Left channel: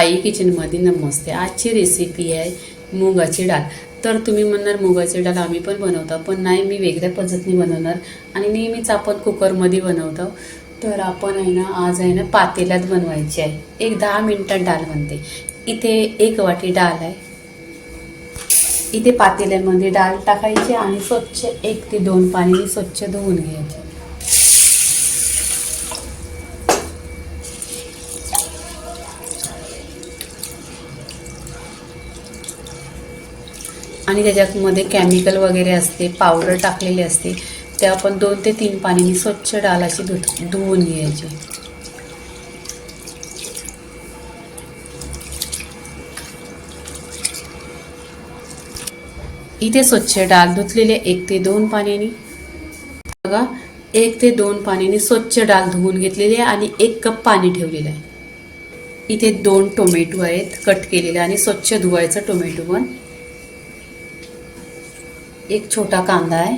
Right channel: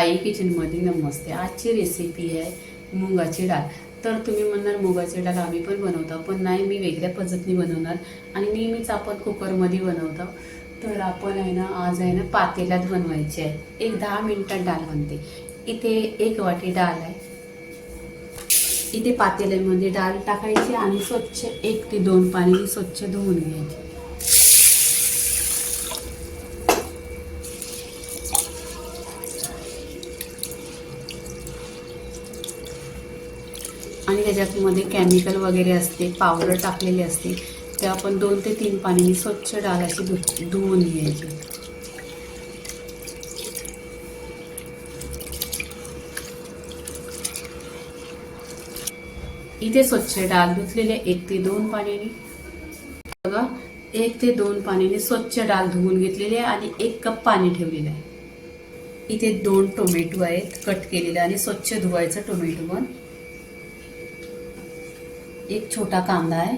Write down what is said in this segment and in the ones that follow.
आई किचनमध्ये नमस्ते. आजची रेसिपी आहे मुगाची डाळ. तर तुम्ही म्हणणार मुगाची डाळ आम्ही पण बनवतो, पण नाही, मी वेगळ्या पद्धतीने बनवणार आणि नेहमीच आपण कुकरमध्ये बनवतो. तर आपण आहे ना, आज आहे ना पातेल्यात बनवायची आहे. एक 10 मिनिटात डाळ बनते. इथे 1 वाटी डाळ आहे. इथे पातेल्यामध्ये डाळ टाकायची आणि स्वच्छ 1 ते 2 पाण्याने स्वच्छ धुवून घ्यायची. आणि त्याच्यामध्ये केमिकल वगैरे असते, पावडर टाकलेली असते. ते आपण 2 ते 3 पाण्याने स्वच्छ डाळ अशी धुवून घ्यायची. इथे स्वच्छ डाळ धुतलेले 1 ते 2 पाण्याने बघा, 1 ते 2 पाण्याने स्वच्छ डाळ धुवून घेतलेली आहे आणि 1 कप पाणी ठेवलेलं आहे. इथे 2 टोमॅटो आहेत कट केलेले आणि स्वच्छ धुवायचं टोमॅटो पण. 1 छोटा कांदा आहे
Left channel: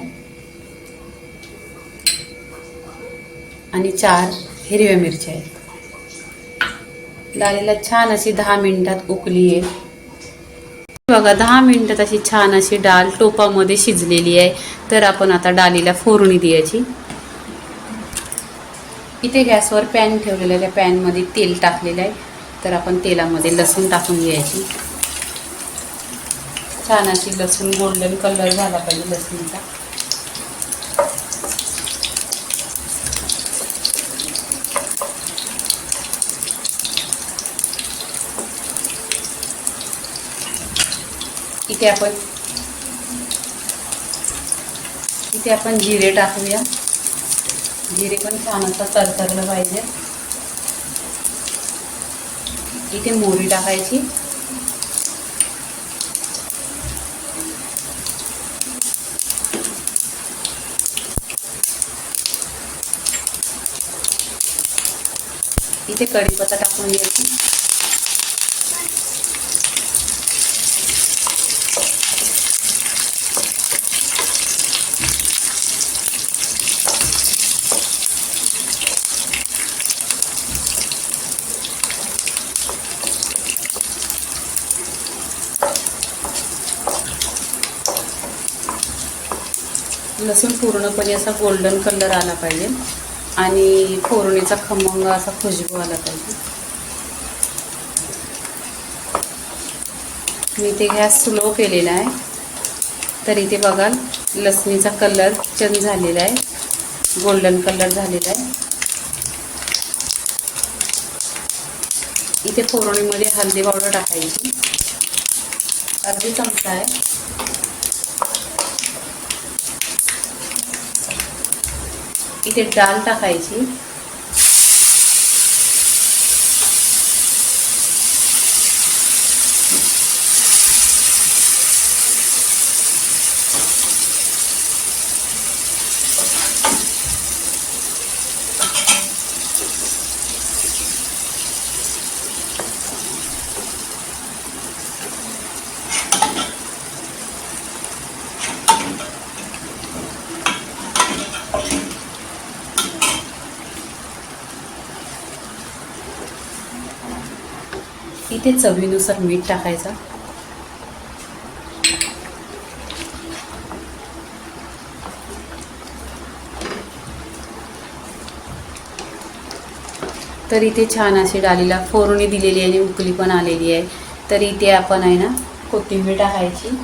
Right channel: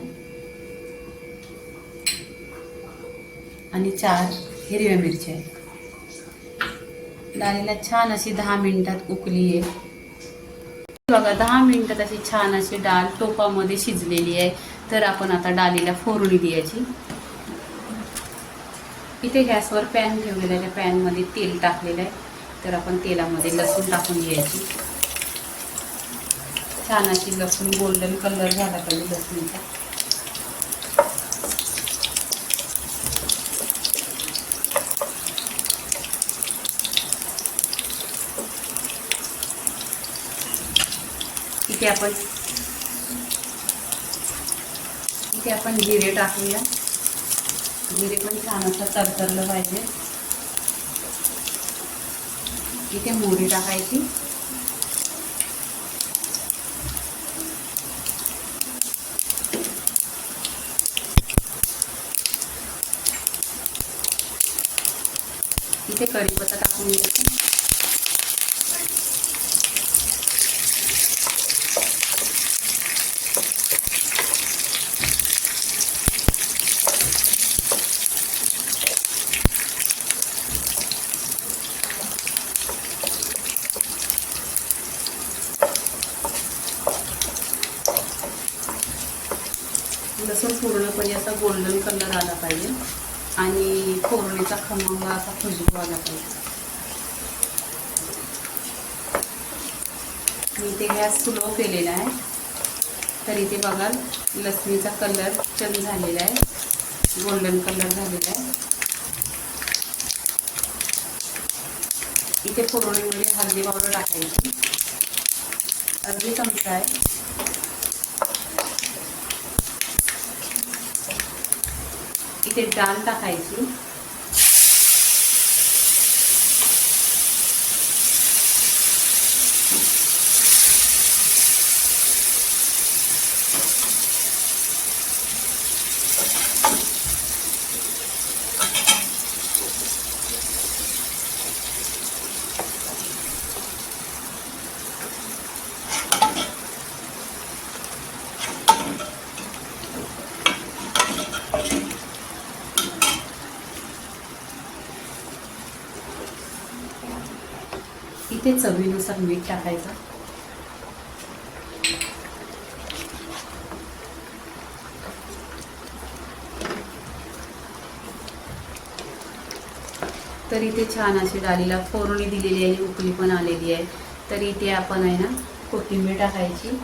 आणि 4 हिरव्या मिरच्या आहेत. डाळीला छान अशी 10 मिनिटात उकली आहे बघा. 10 मिनिटात अशी छान अशी डाळ टोपामध्ये शिजलेली आहे. तर आपण आता डाळीला फोडणी द्यायची. इथे गॅसवर पॅन ठेवलेला आहे. त्या पॅनमध्ये तेल टाकलेलं आहे. तर आपण तेलामध्ये लसूण टाकून घ्यायची. छान अशी लसूण गोल्डन कलर झाला पाहिजे लसूणचा. इथे आपण जिरे टाकूया. जिरे पण छान असं तरतरलं पाहिजे. इथे मोहरी टाकायची. इथे कढीपत्ता टाकून घ्यायची. लसूण पूर्णपणे असा गोल्डन कलर आला पाहिजे आणि फोडणीचा खमंग असा खुशबू आला पाहिजे. मी इथे गॅस स्लो केलेला आहे. तर इथे बघा लसणीचा कलर चेंज झालेला आहे, गोल्डन कलर झालेला आहे. इथे फोडणीमध्ये हळदी पावडर टाकायची, अर्धी चमचा आहे. इथे डाळ टाकायची. इथे चवीनुसार मीठ टाकायचा. तर इथे छान अशी डाळीला फोडणी दिलेली आहे आणि उकळी पण आलेली आहे. तर इथे आपण आहे ना कोथिंबीर टाकायची.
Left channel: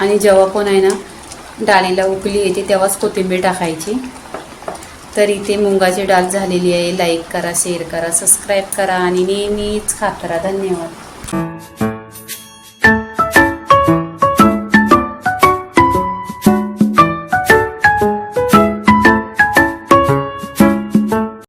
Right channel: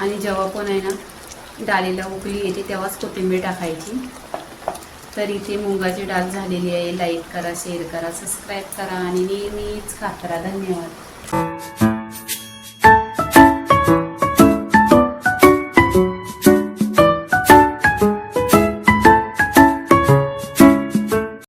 आणि जेव्हा पण आहे ना डाळीला उकळी येते तेव्हाच कोथिंबीर टाकायची. तर इथे मुगाची डाळ झालेली आहे. लाईक करा, शेअर करा, सबस्क्राईब करा आणि नेहमीच खात राहा. धन्यवाद.